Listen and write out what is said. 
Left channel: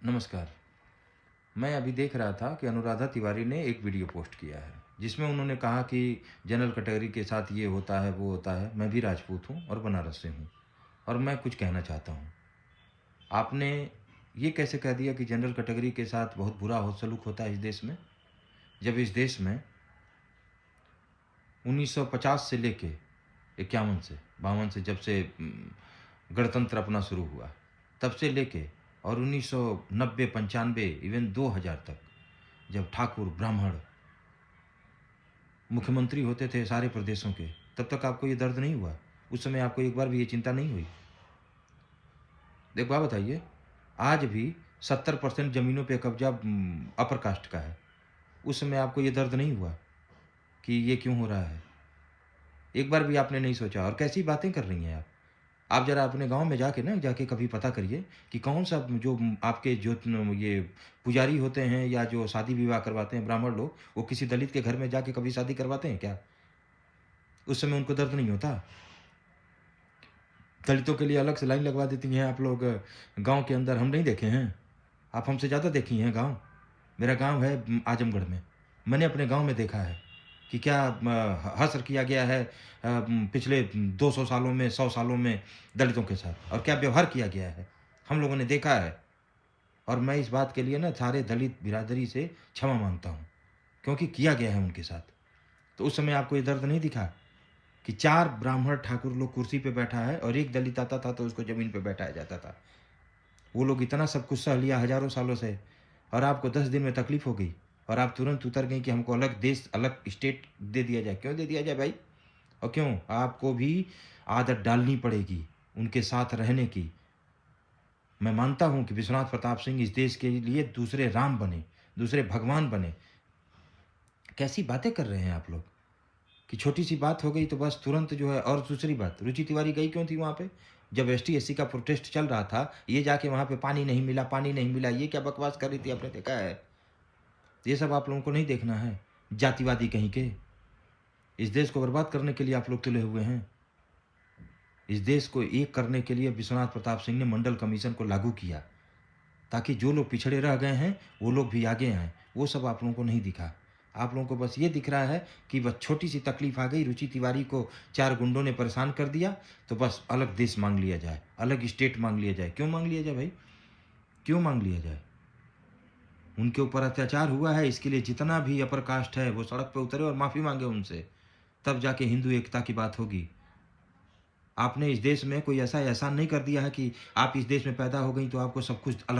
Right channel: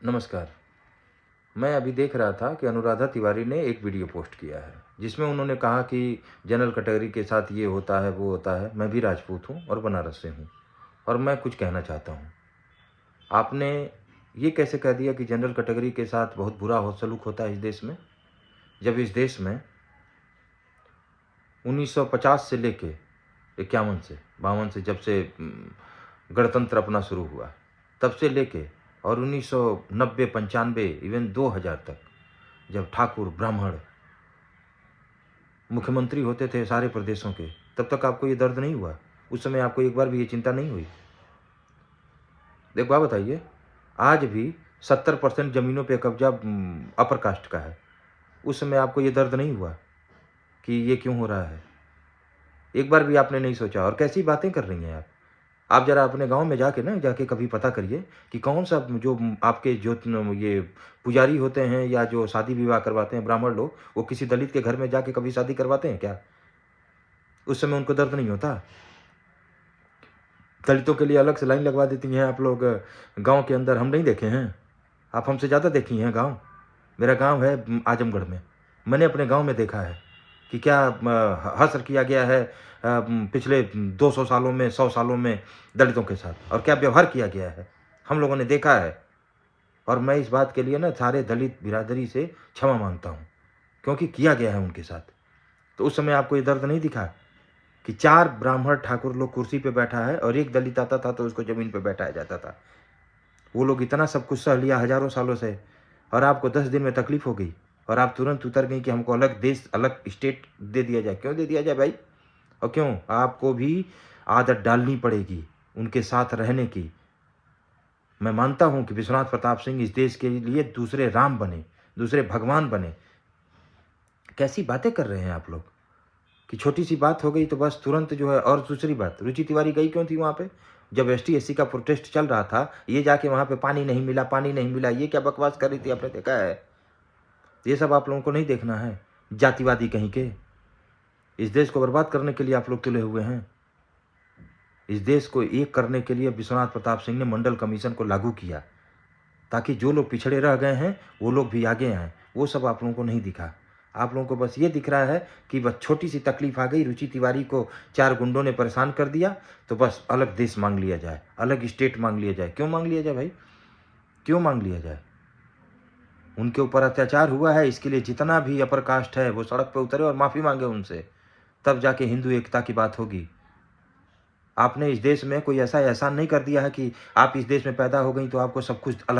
नमस्कार। मैं अभी देख रहा था कि अनुराधा तिवारी ने एक वीडियो पोस्ट किया है, जिसमें उन्होंने कहा कि जनरल कैटेगरी के साथ ये होता है, वो होता है। मैं भी राजपूत हूँ और बनारस से हूँ और मैं कुछ कहना चाहता हूँ। आपने ये कैसे कह दिया कि जनरल कैटेगरी के साथ बहुत बुरा हो सलूक होता है इस देश में? जब इस देश में 1950 से लेके 51 से 52 से जब से गणतंत्र अपना शुरू हुआ, तब से लेके और 1990 95 इवन 2000 तक जब ठाकुर ब्राह्मण मुख्यमंत्री होते थे सारे प्रदेशों के, तब तक आपको ये दर्द नहीं हुआ? उस समय आपको एक बार भी ये चिंता नहीं हुई? एक बात बताइए, आज भी 70% जमीनों पे कब्जा अपर कास्ट का है। उस समय आपको ये दर्द नहीं हुआ कि ये क्यों हो रहा है? एक बार भी आपने नहीं सोचा। और कैसी बातें कर रही हैं आप? आप ज़रा अपने गाँव में जाके कभी पता करिए कि कौन सा जो आपके जो ये पुजारी होते हैं या जो शादी विवाह करवाते हैं ब्राह्मण लोग, वो किसी दलित के घर में जाके कभी शादी करवाते हैं क्या? उस समय उनको दर्द नहीं होता? दलितों के लिए अलग से लाइन लगवा देती हैं आप लोग गाँव के अंदर, हम नहीं देखे हैं? आप हमसे ज़्यादा देखी हैं गाँव। मेरा गाँव है आजमगढ़ में। मैंने अपने गाँव में देखा है कि क्या हश्र किया गया है पिछले 200 सालों में, 100 सालों में दलितों के साथ, और क्या व्यवहार किया गया है, हम लोगों ने देखा है। और मैं इस बात के लिए ना सारे दलित बिरादरी से क्षमा मांगता हूँ, क्योंकि किया गया है उनके साथ। तो उस समय आपको ये दर्द नहीं दिखा कि 4 ब्राह्मण ठाकुर लोग कुर्सी पे बैठा है और एक दलित आता था तो उसको जमीन पे बैठाया जाता था। वो लोग इतना सब कुछ सह लिया हजारों सालों से, और आपको 10 दिन में तकलीफ हो गई और आप तुरंत उतर गई कि हमको अलग देश, अलग स्टेट दे दिया जाए। क्यों दे दिया जाए भाई? और क्यों? आपको भी आदत डालनी पड़ेगी उनके साथ रहने की। मैं मानता हूं कि विश्वनाथ प्रताप सिंह इस देश के लिए दूसरे राम बने, दूसरे भगवान बने। कैसी बातें कर रहे हैं आप लोग कि छोटी सी बात हो गई तो बस तुरंत जो है। और दूसरी बात, रुचि तिवारी गई क्यों थी वहां पे? जब एसटी एससी का प्रोटेस्ट चल रहा था, ये जाके वहां पे पानी नहीं मिला, पानी नहीं मिला, ये क्या बकवास कर रही थी? आपने देखा है? ये सब आप लोगों को नहीं देखना है? जातिवादी कहीं के। इस देश को बर्बाद करने के लिए आप लोग तुले हुए हैं। इस देश को एक करने के लिए विश्वनाथ प्रताप सिंह ने मंडल कमीशन को लागू किया, ताकि जो लोग पिछड़े रह गए हैं वो लोग भी आगे आए। वो सब आप लोगों को नहीं दिखा। आप लोगों को बस ये दिख रहा है कि बस छोटी सी तकलीफ आ गई, रुचि तिवारी को 4 गुंडों ने परेशान कर दिया, तो बस अलग देश मांग लिया जाए, अलग स्टेट मांग लिया जाए। क्यों मांग लिया जाए भाई? क्यों मांग लिया जाए? उनके ऊपर अत्याचार हुआ है, इसके लिए जितना भी अपर कास्ट है वो सड़क पर उतरे और माफी मांगे उनसे, तब जाके हिंदू एकता की बात होगी। आपने इस देश में कोई ऐसा एहसान नहीं कर दिया है कि आप इस देश में पैदा हो गई तो आपको सब कुछ अलग